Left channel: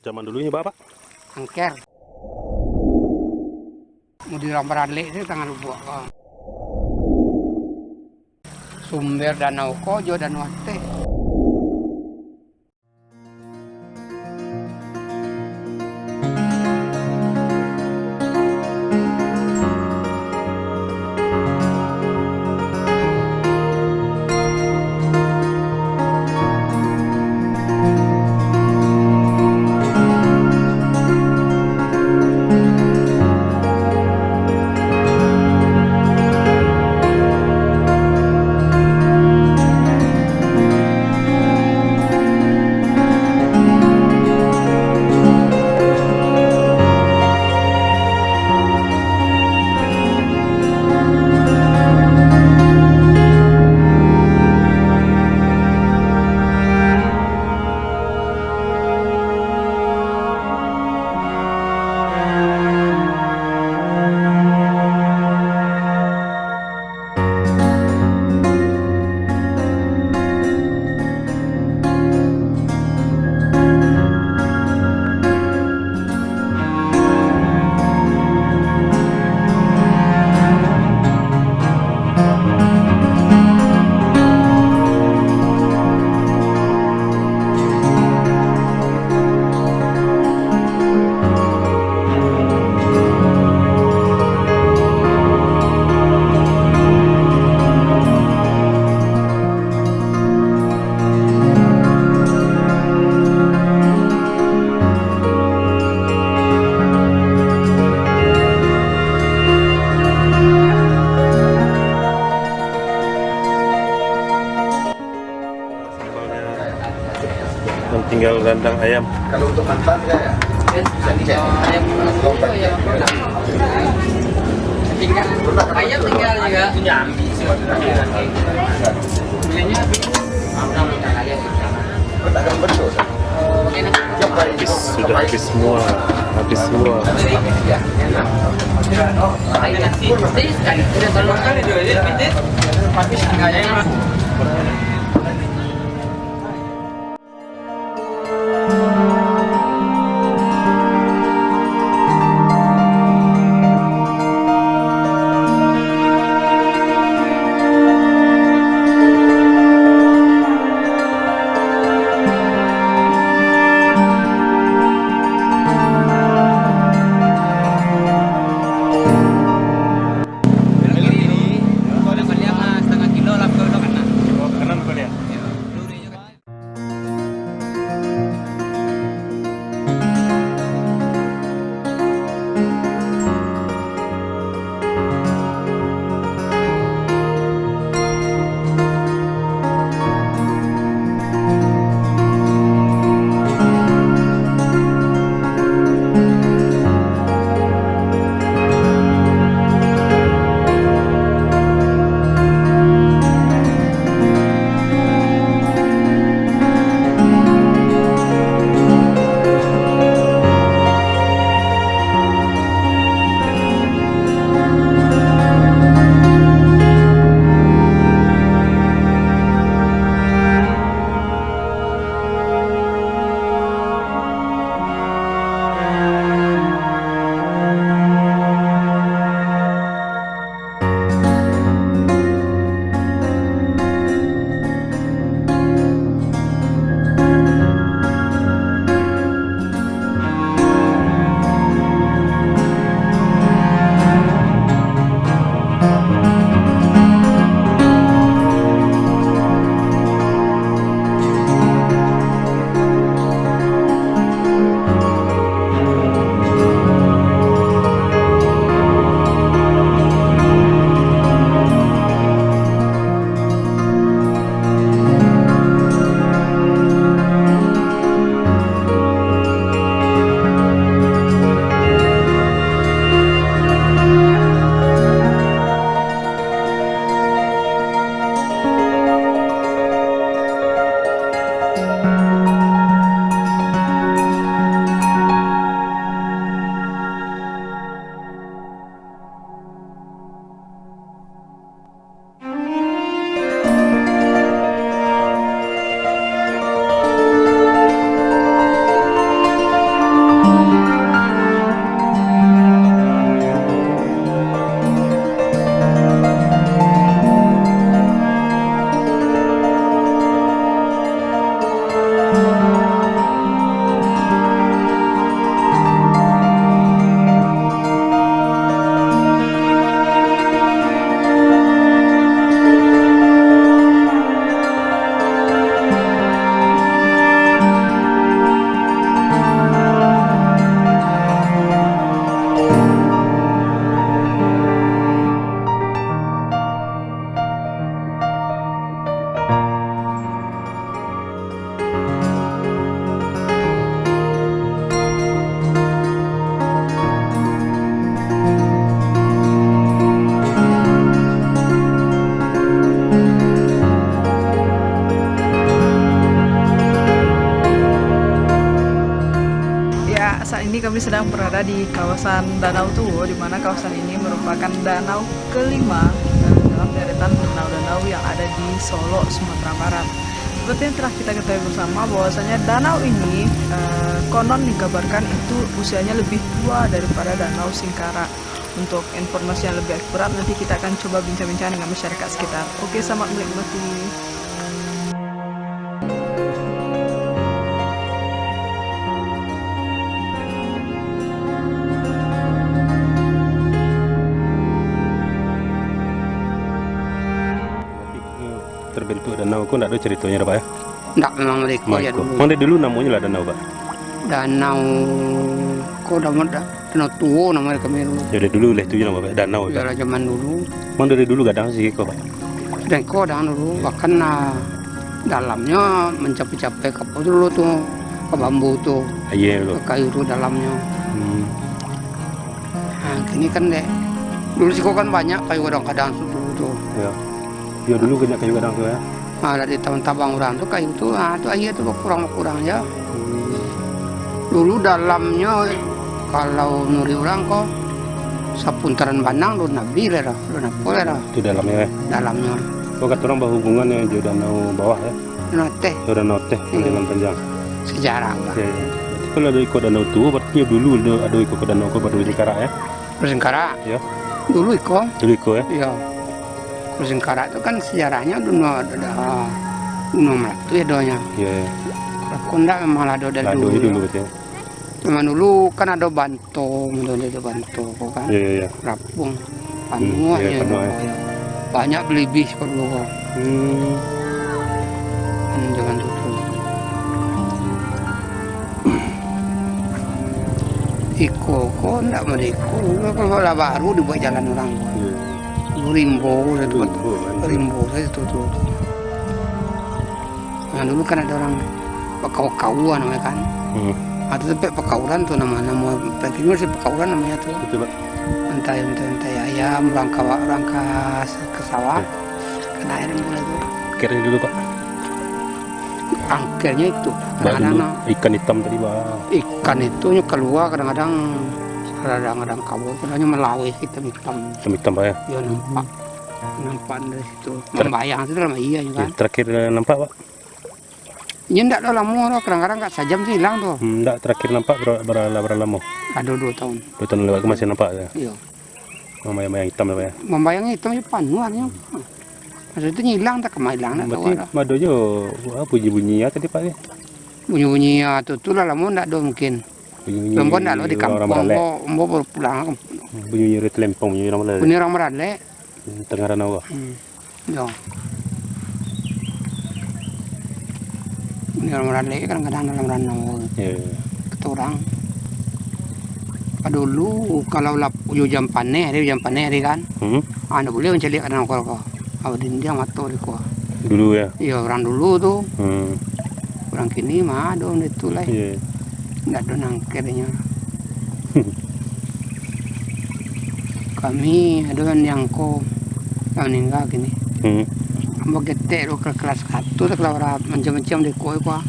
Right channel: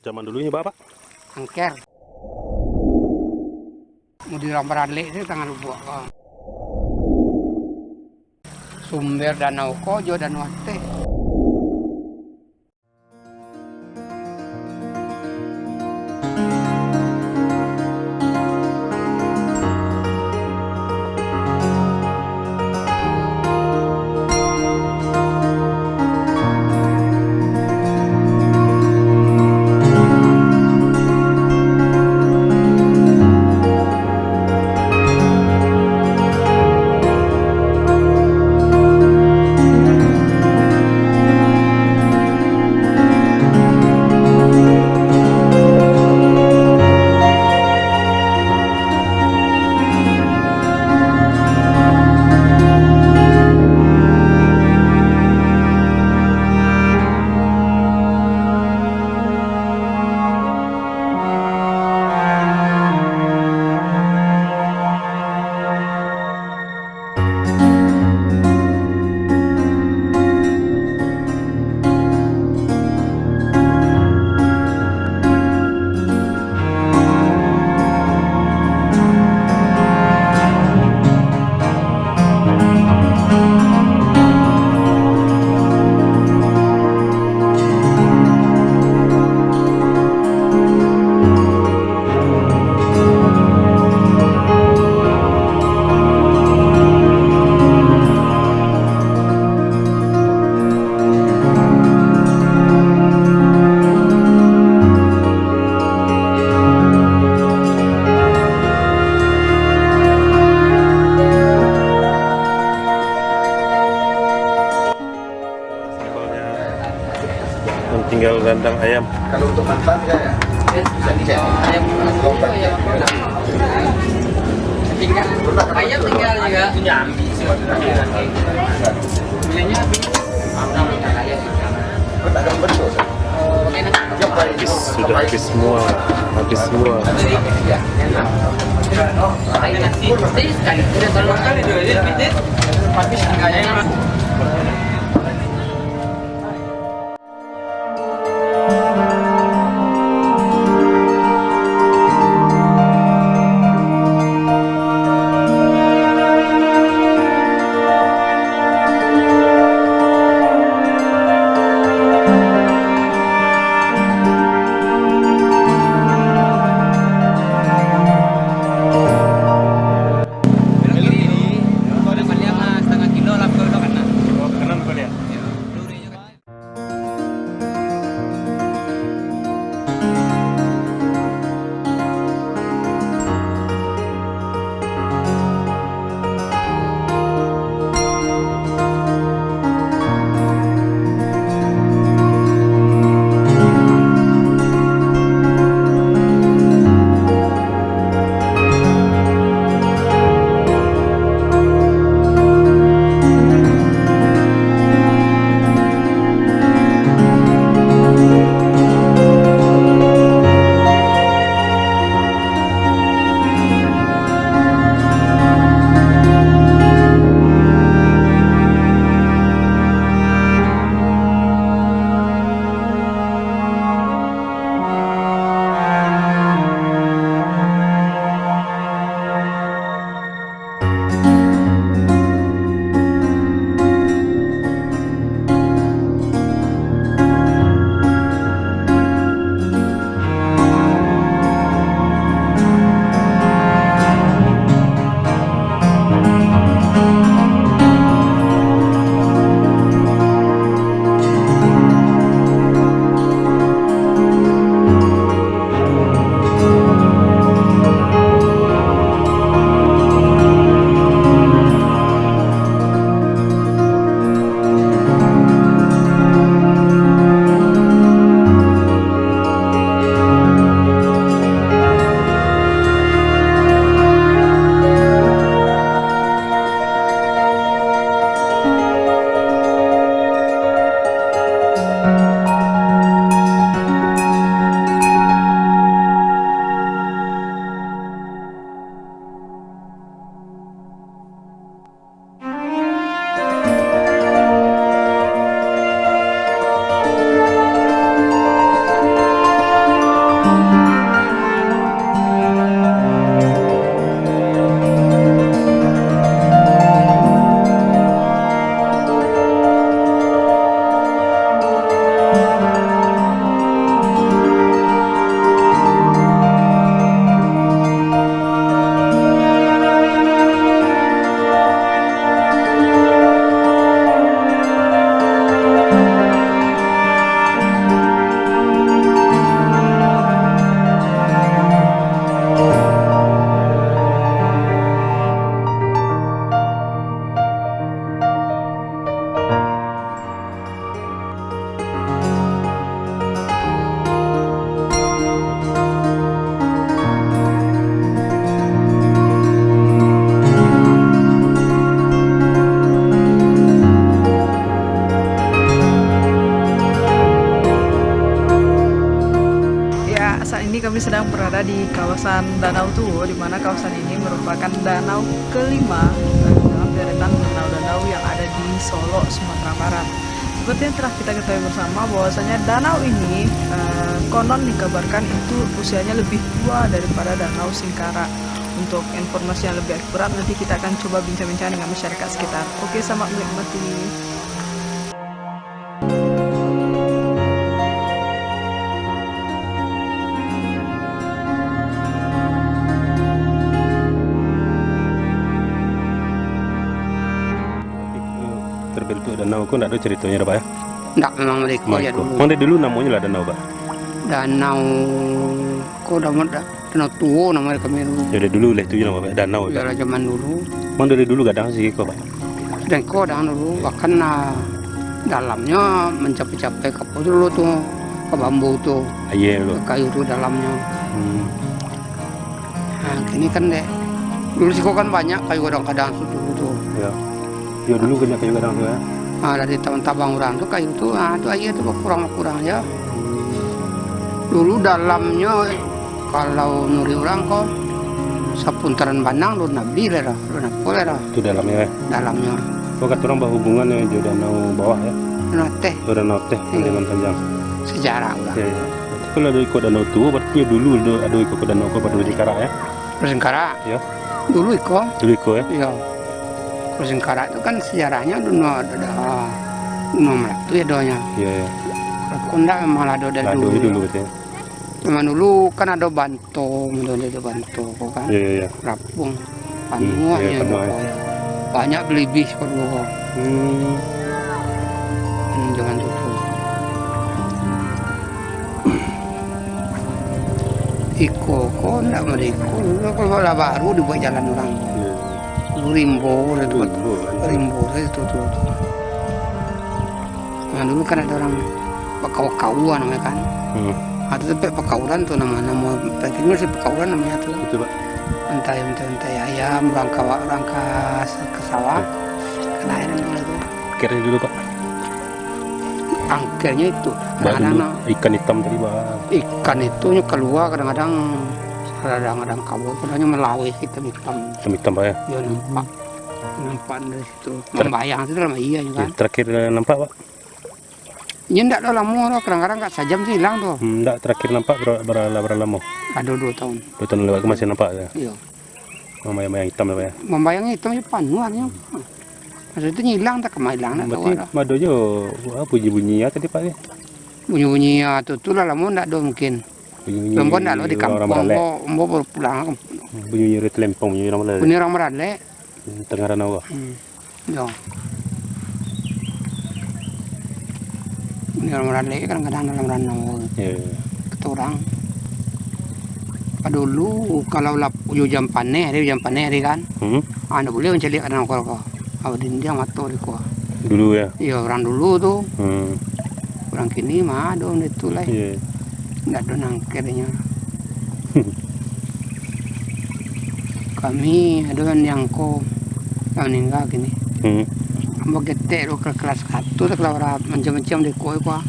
zaman dulunya Bapak? angker. Mau dilambaran itu tangan lubuk. Sumber danau Kojo dan Wate. Yang tinggal rendang ayam. Kalau untuk mantan ya bisa dicek. Ayam tinggal juga. Belinya Pedagang betul. Sudah habis semua. Ya, saat ini kami sedang berada di kawasan Danau Tuwo, di mana kawasan ini merupakan danau kelima dalam deretan danau-danau yang ada di Solo, Sumatera Barat. Seperti yang telah kita ketahui bersama bahwasanya danau ini konon dikabarkan itu usianya lebih tua daripada Danau Singkara. Untuk informasi yang lebih akurat nanti kita akan coba bincang-bincang dengan masyarakat sekitar. Oke, selamat menikmati. Terbentuk danau kok enggak ada ceritanya Pak ya? Nggak, memang mereka ya dulu. Mana dulu namanya lah danau Pak? Danau kok danau Tuwo namanya kami dulu. Ya dari dulu lah itu nama Pak danau Pak. Dari zaman dulu. Mana dari dulu kadang sih kok Pak? Dan kok danau dulu bahkan dalamnya mencapai-capai ke apa dulu tuh, ke bambu tuh, Iya dulu. ke kayu tuh dalamnya. Hmm. Nah, kini kan deh. Dulu sih kok kan banyak kayu kadang-kadang dulu tuh. Ya. Ya dulu banyak kayu kadang ya. Nah, dari tahun tabang orang tuh kayu tuh, tuh aja tuh kurang ya. Dulu dalamnya kalau nuri orang kok sapuntaran banang lu nabi lah, lu napol lah. Itu dalamnya ya. Dalamnya. Kok kata orang bahwa hubungannya di danau bawah ya? Nate Danau teh dengan panjang. sejarah ulah. Ya, ya. Berarti kalau ada ikut danau tua berarti dulu ada ikut ke danau kok baru Singkara ya? Singkara. Ya. Dulu iko. Dulu ikut ya? Iya. Singkara itu kan sejarahnya dulu ada Melatu ya doanya. Iya. Ya. Kalau enggak memang ada dari Lado dulu. dulu berarti. Memang dulu kan ada Bantung, ada Bantung kan. Iya iya. Rapung, Panua iya, ya, Panua, ya. Banyak belibis kalau dulu. Jangan tutup. Iko, kok enggak mereka. Kalau lah baru dibuat jalan orang. Iya. Rimbo, Rimbo, kan. Rimbo itu tuh. Nah dulu kan ada orang Pakau-kauan namanya kan. Atau sampai Pakauran tuh nama pentingnya sih Pakauran namanya tuh. Itu Pak. Entai ayam, rangka ke sawah, kena air mulai tuh. Kira dulu Pak. Angkernya itu. Baru Kadang-kadang ikan hitam tadi Pak. ikan itu keluar kadang-kadang kabur, kadangnya melawai hitam-hitam. Hitam Pak ya. Ya nampak dari situ. Membayang itu lama iya Ya, kan. terakhir nampak Pak. Ini enggak ada lama, kadang-kadang enggak sejam sih hilang tuh. Enggak, terakhir nampak berapa lama? Ada 2 tahun. 2 tahun lewat masih nampak ya. Iya. Mayang hitam Pak ya. Membayang hitamnya panuannya. Maksudnya hilang tak kemana hilang tak tahu Berarti ada. madonya bunyi-bunyi ya tadi Pak ya. Bunyi-bunyi tu lah lama enggak ada mungkin. Bunyi-bunyi. Perempuan enggak lo di kampung, mau baru pulang. Bunyi telempong bunyi orang Malay. Bunyi orang merale. Tengah danau. Ya. Bunyi orang merale kadang-kadang dalam danau. Ya. Kata orang. Dulu kalau jam panen hari kan. Anda boleh mencari kadang kau. Awalin dia mati di kau. Dulu ya. Iya orang dulu tuh. Hmm. Orang kini mah ada itu lah. Iya. Nggak ada nangkernya. Kami ada yang kau meninggal gini. Ambak getek lo ke kelas 1 tuh kalau macam-macam di koi kuah.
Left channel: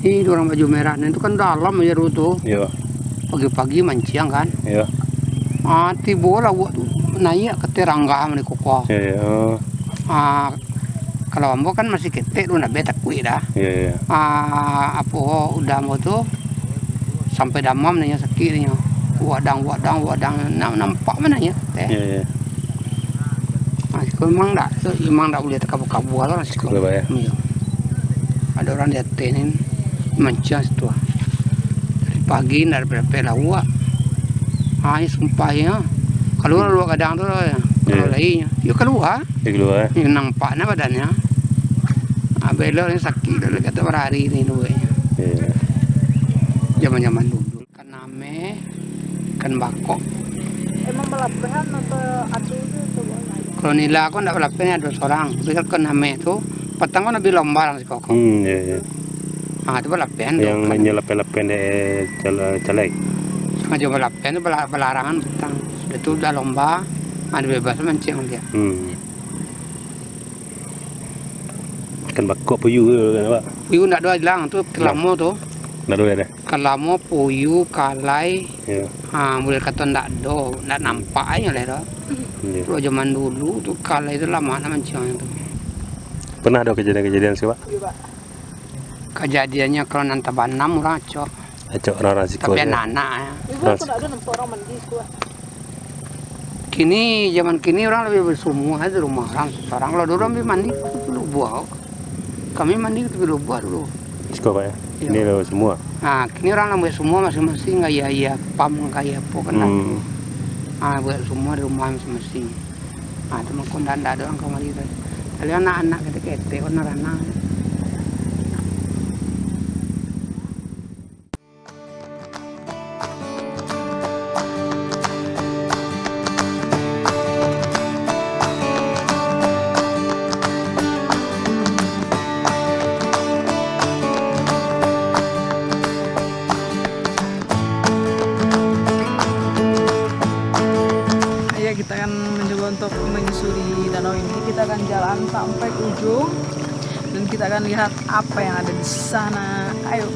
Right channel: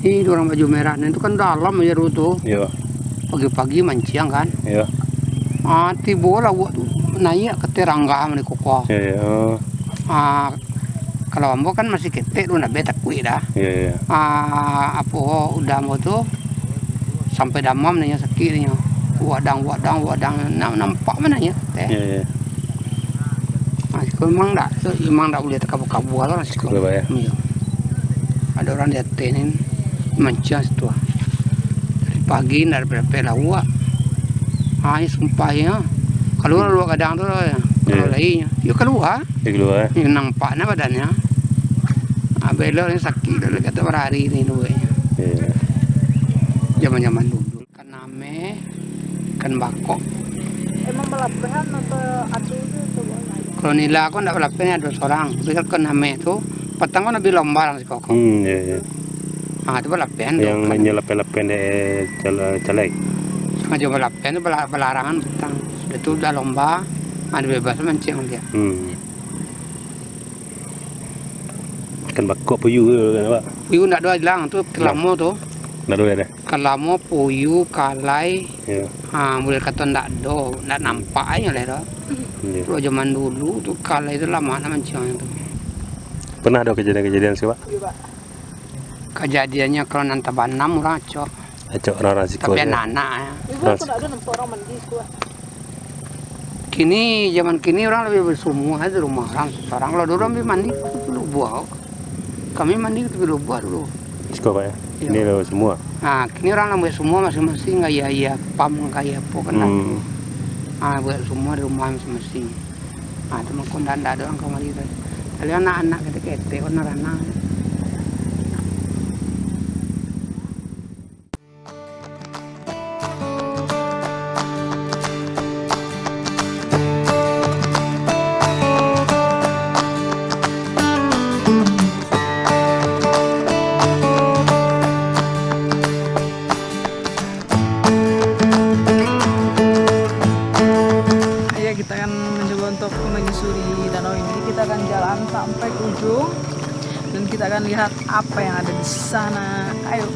Ini orang baju merah, nah itu kan dalam aja dulu tuh. Iya. Pagi-pagi mancing kan. Iya. Mati bola buat naik ke terangga di koko. Iya. Kalau ambo kan masih ketek lu nak betak kui dah. Iya. Apa udah mau tuh sampai damam nanya sakitnya. Wadang nampak mana ya? Iya. Masih memang tak boleh terkabu-kabu lah masih Kabu ya. Iya. Ada orang liatin mancing situ. Dari pagi dari berapa lawa. Ini sumpah ya. Keluar lu kadang tuh kalau lainnya. Yuk keluar. Keluar. Yang nampaknya badannya. Belok ini sakit dulu kata berhari ini dulu. Iya. Zaman-zaman dulu. Kan name, kan bakok. Emang belapehan atau adu itu? Kalau nila aku ndak belapehan ada seorang. Tapi kan name itu petang kan lebih lomba lang si koko. Iya. Itu belapehan. Yang nyelap-lapen di caleg. Sengaja belapehan itu belarangan petang. Itu udah lomba. Ada bebas mancing dia. Kan bakok puyuh kan Pak. Puyuh ndak ada hilang tuh kelamo tuh. Ndak ada. Kalau mau puyu, kalai, Ya. boleh kata ndak nampak aja lah dah. Iya. Kalau zaman dulu tuh kalai itu lama mancing itu. Pernah ada kejadian-kejadian sih, Pak? Kejadiannya kalau nanti banam orang cok, Acok orang risiko. tapi anak-anak ya. Zaman kini orang lebih bersumur aja di rumah orang. Sekarang kalau dulu orang mandi di lubang. Kami mandi di lubang dulu. Risiko, Pak ya. Iya. Ini lo semua. Nah, kini orang ambil semua masing-masing kayak pam kayak apa kan. Buat semua di rumah masing-masing. Teman kondan ada orang kamar itu. Tapi anak-anak kete-kete anak-anak. Kita akan mencoba untuk menyusuri danau ini. Kita akan jalan sampai ke ujung dan kita akan lihat apa yang ada di sana. Ayo.